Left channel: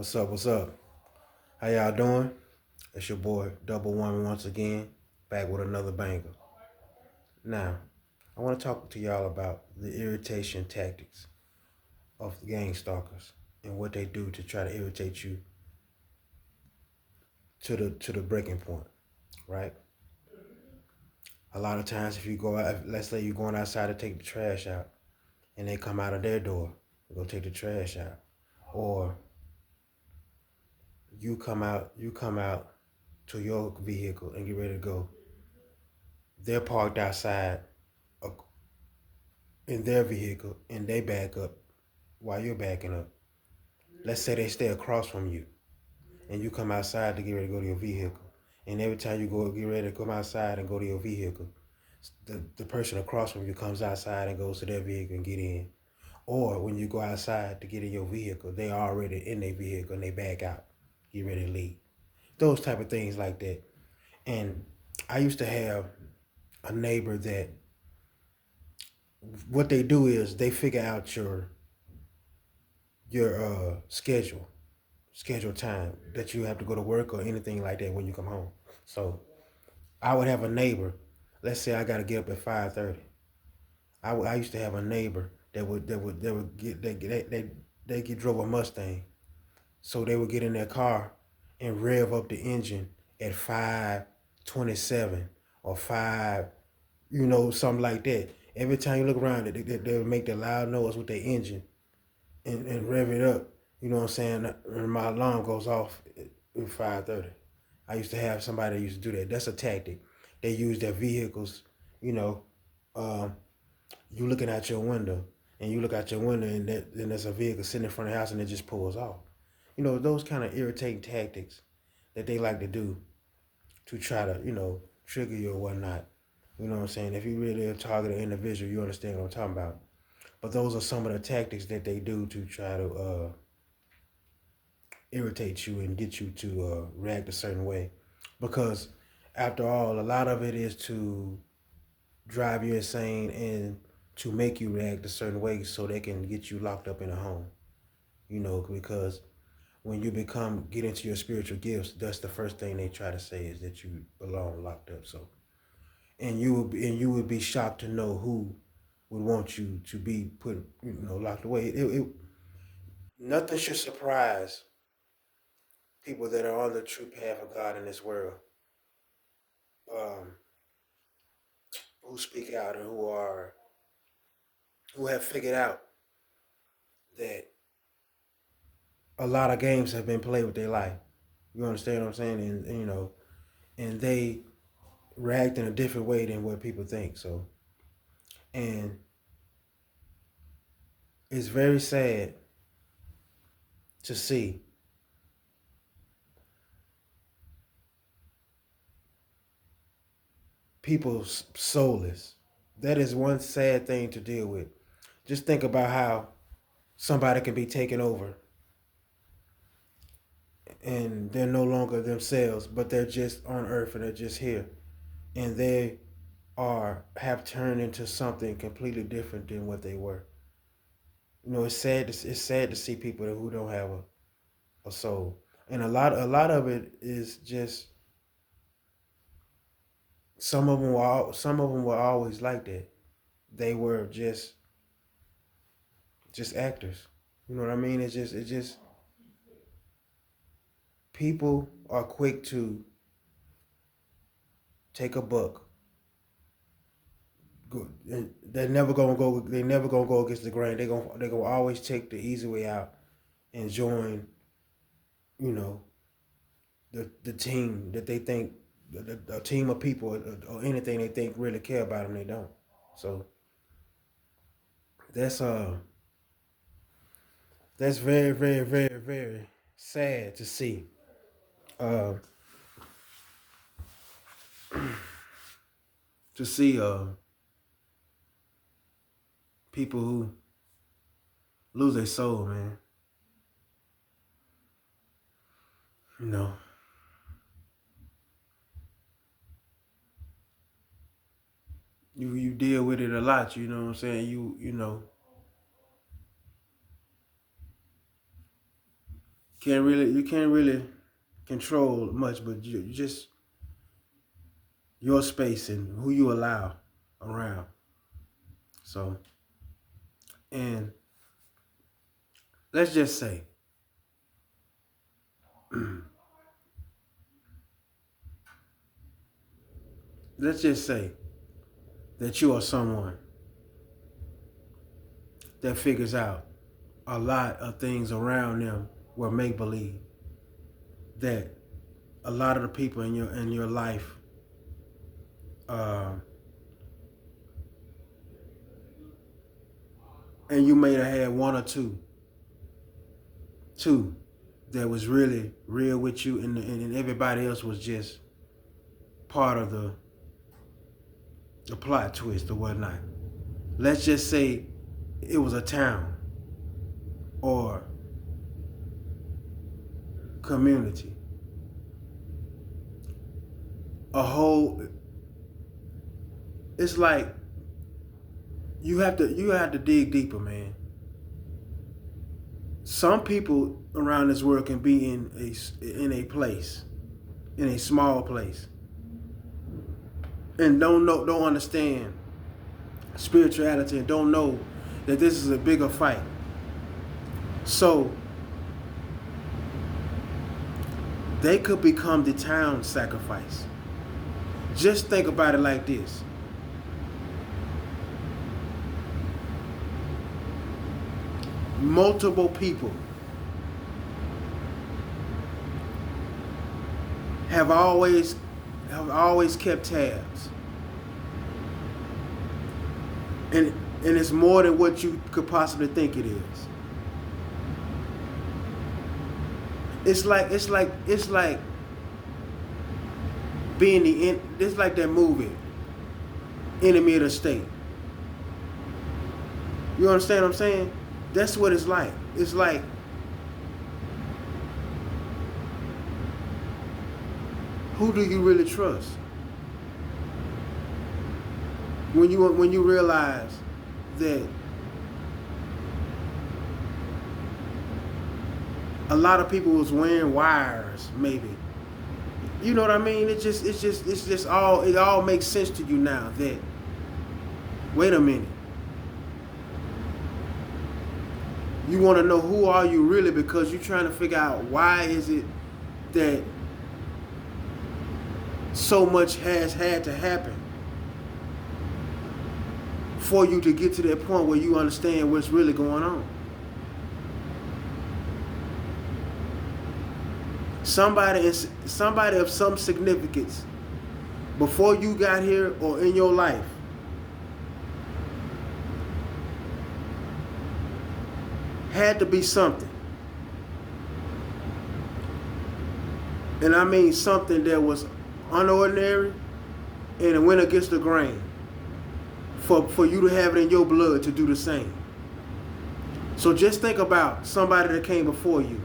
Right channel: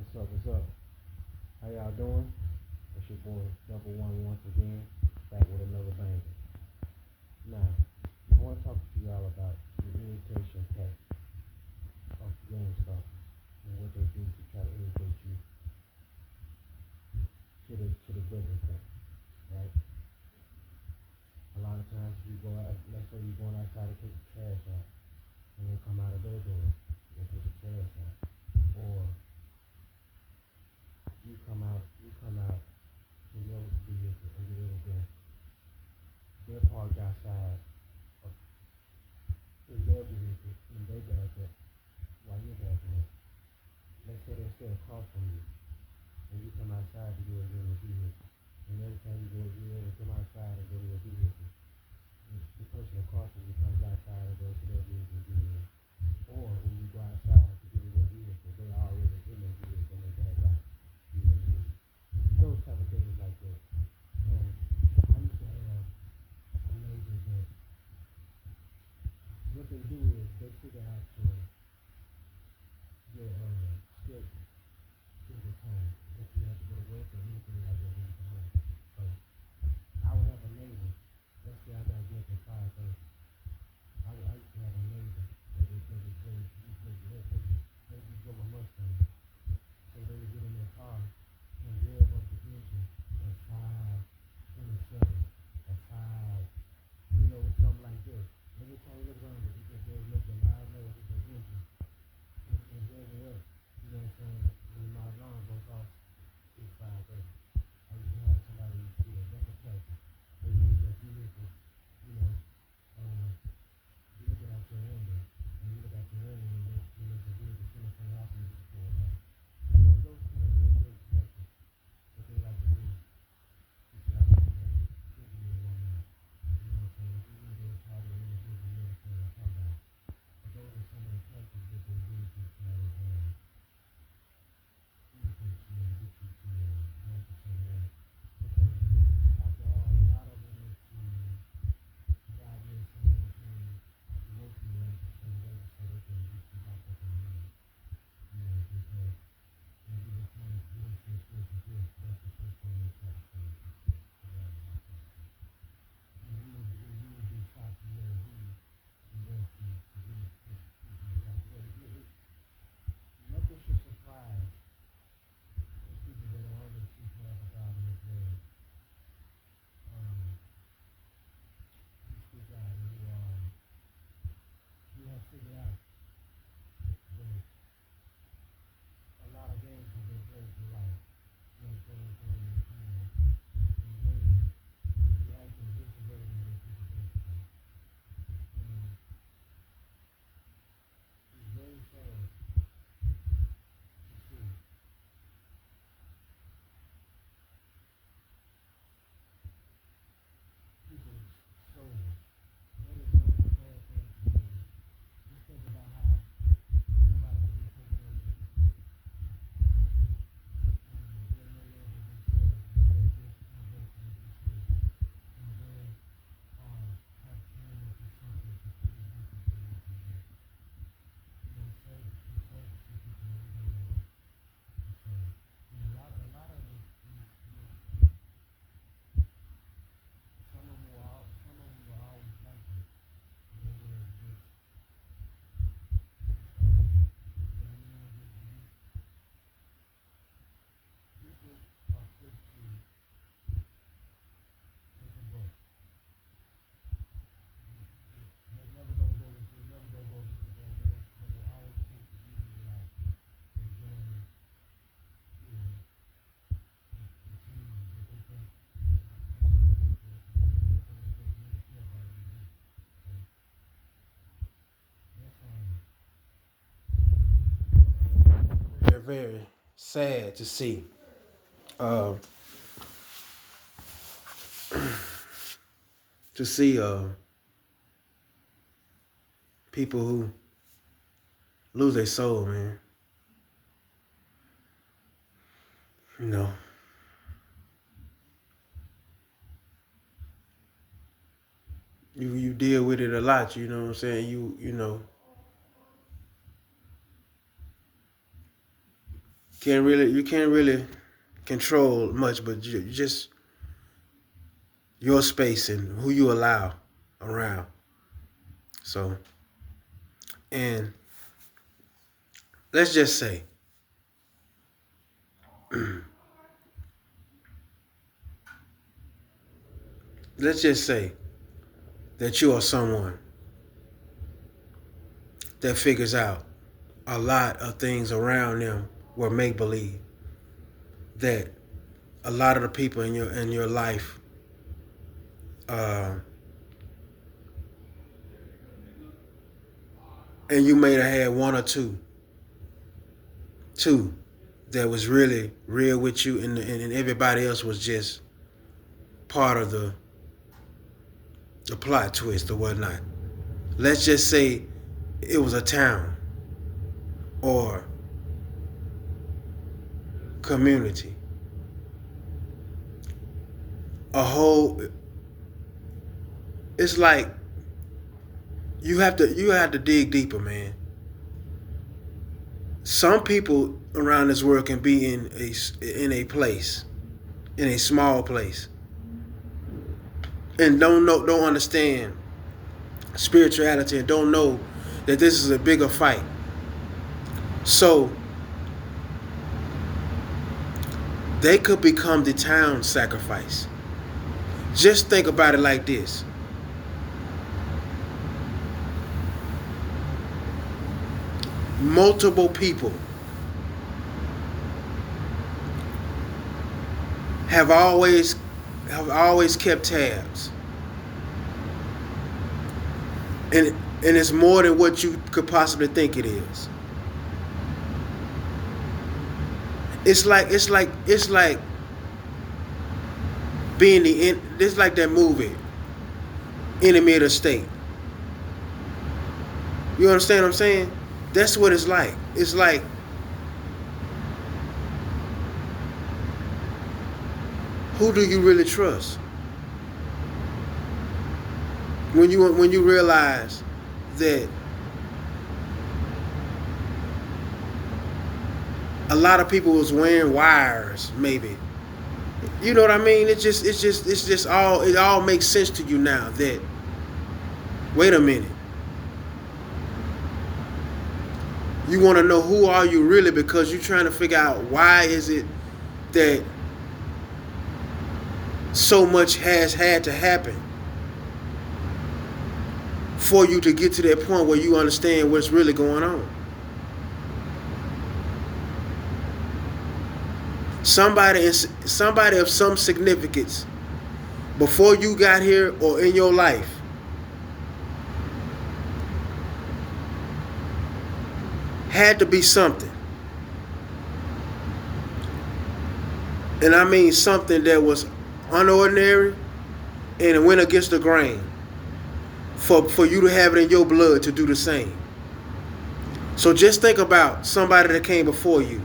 What's up? What's up? How y'all doing? It's your boy Double One once again, back with another banger. Now, I want to talk to y'all about the irritation tactics of the Gangstalkers and what they do to try to irritate you to the breaking point, right? A lot of times, if you go out, let's say you're going outside to take the trash out, and they come out of their door to go take the trash out, or you come out to your vehicle and get ready to go. They're parked outside uh, in their vehicle and they back up while you're backing up. Let's say they stay across from you and you come outside to get ready to go to your vehicle. And every time you go get ready to come outside and go to your vehicle, the person across from you comes outside and goes to their vehicle and get in. Or when you go outside to get in your vehicle, they are already in their vehicle and they back out, get ready to leave. Those type of things like that. And I used to have a neighbor that what they do is they figure out your schedule time that you have to go to work or anything like that when you come home. So I would have a neighbor. Let's say I got to get up at 5:30. I used to have a neighbor that would get they get drove a Mustang, so they would get in their car and rev up the engine at 5:27 or five, something like that. Every time you look around, they would make that loud noise with their engine and rev it up. You know what I'm saying? And my alarm goes off at 5:30. I used to have somebody that used to do that. That's a tactic. They use their vehicles. You know, um, you looking out your window, and you look out your window, and then there's a vehicle sitting in front of the house, and it just pulls off. Those kind of irritating tactics that they like to do to try to trigger you or whatnot. You know what I'm saying? If you really target an individual, you understand what I'm talking about. But those are some of the tactics that they do to try to irritate you and get you to react a certain way. Because after all, a lot of it is to drive you insane and to make you react a certain way so they can get you locked up in a home. Because when you get into your spiritual gifts, that's the first thing they try to say is that you belong locked up. So, and you would be shocked to know who would want you to be put, locked away. Nothing should surprise people that are on the true path of God in this world, um, who speak out and who have figured out that a lot of games have been played with their life. You understand what I'm saying? And they react in a different way than what people think. So, and it's very sad to see people soulless. That is one sad thing to deal with. Just think about how somebody can be taken over and they're no longer themselves, but they're just on earth and they're just here. And they have turned into something completely different than what they were. It's sad to see people who don't have a soul. And a lot of it is just some of them were always like that. They were just actors. You know what I mean? It's just people are quick to take a buck. They're never gonna go. They never gonna go against the grain. They gonna always take the easy way out and join. You know the team that they think a team of people or anything they think really care about them. They don't. So that's that's very very very very sad to see. Uh, to see people who lose their soul, man. You know, you deal with it a lot. You know what I'm saying? You know You can't really control much, but you just your space and who you allow around. So, and let's just say, let's just say that you are someone that figures out a lot of things around them were make believe. That a lot of the people in your life, uh, and you may have had one or two that was really real with you, and everybody else was just part of the plot twist or whatnot. Let's just say it was a town or community, a whole. It's like you have to dig deeper, man. Some people around this world can be in a place, in a small place, and don't understand spirituality and don't know that this is a bigger fight. So they could become the town sacrifice. Just think about it like this. Multiple people have always kept tabs. And it's more than what you could possibly think it is. It's like being it's like that movie, Enemy of the State. You understand what I'm saying? That's what it's like. It's like who do you really trust? When you realize that a lot of people was wearing wires, maybe. You know what I mean? It all makes sense to you now that wait a minute. You want to know who are you really because you're trying to figure out why is it that so much has had to happen for you to get to that point where you understand what's really going on. Somebody of some significance before you got here or in your life had to be something. And I mean something that was unordinary and it went against the grain for you to have it in your blood to do the same. So just think about somebody that came before you.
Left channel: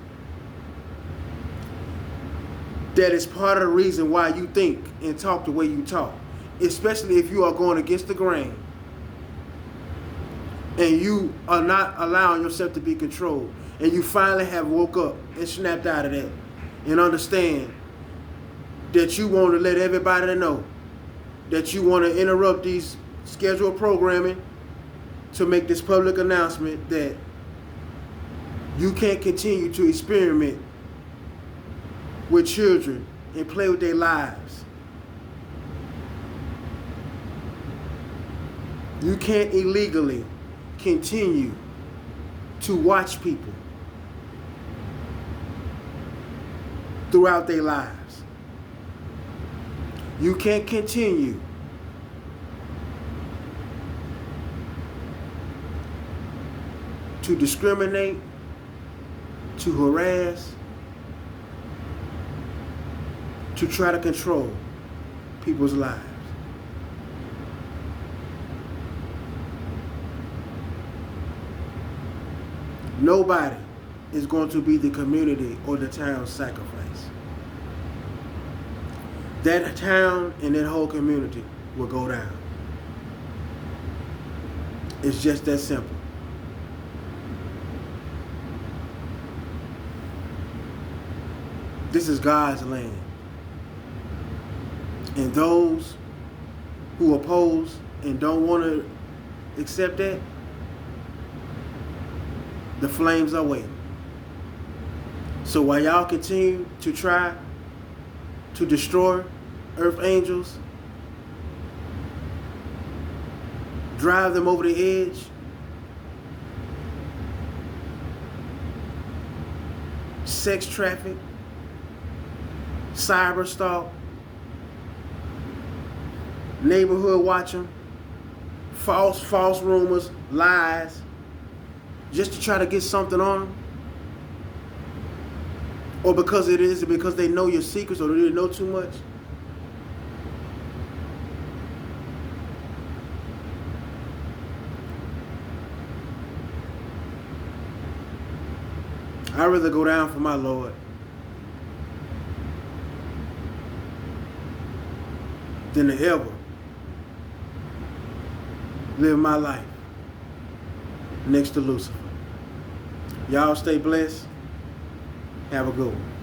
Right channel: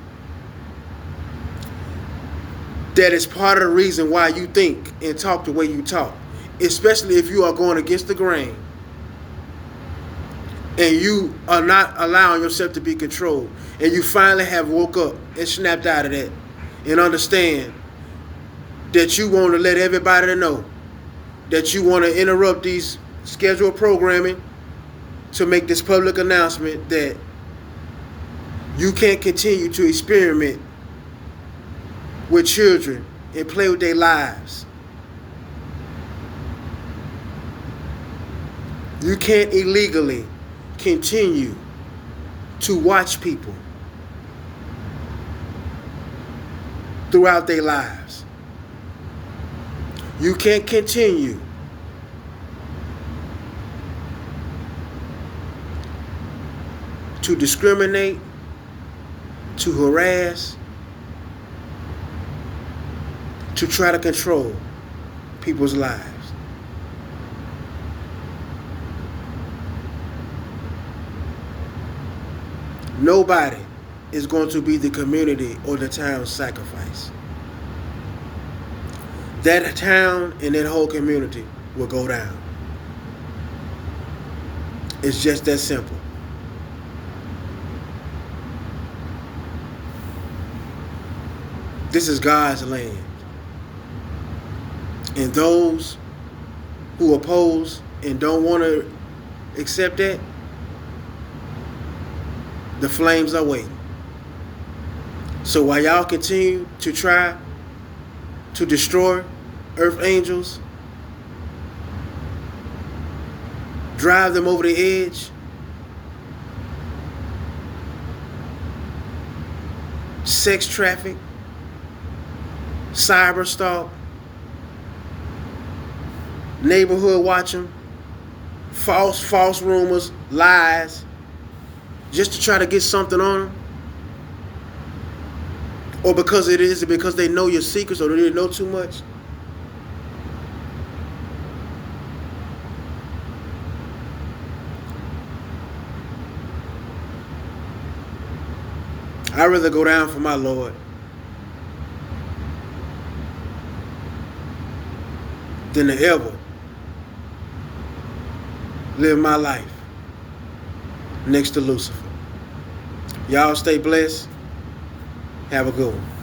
That is part of the reason why you think and talk the way you talk. Especially if you are going against the grain. And you are not allowing yourself to be controlled. And you finally have woke up and snapped out of that. And understand that you want to let everybody know that you want to interrupt these scheduled programming to make this public announcement that you can't continue to experiment with children and play with their lives. You can't illegally continue to watch people throughout their lives. You can't continue to discriminate, to harass, to try to control people's lives. Nobody is going to be the community or the town's sacrifice. That town and that whole community will go down. It's just that simple. This is God's land. And those who oppose and don't want to accept that, the flames are waiting. So while y'all continue to try to destroy earth angels, drive them over the edge, sex traffic, cyber stalk, neighborhood watch them, false rumors, lies, just to try to get something on them, or because they know your secrets or they know too much. I'd rather go down for my Lord than to ever live my life next to Lucifer. Y'all stay blessed. Have a good one.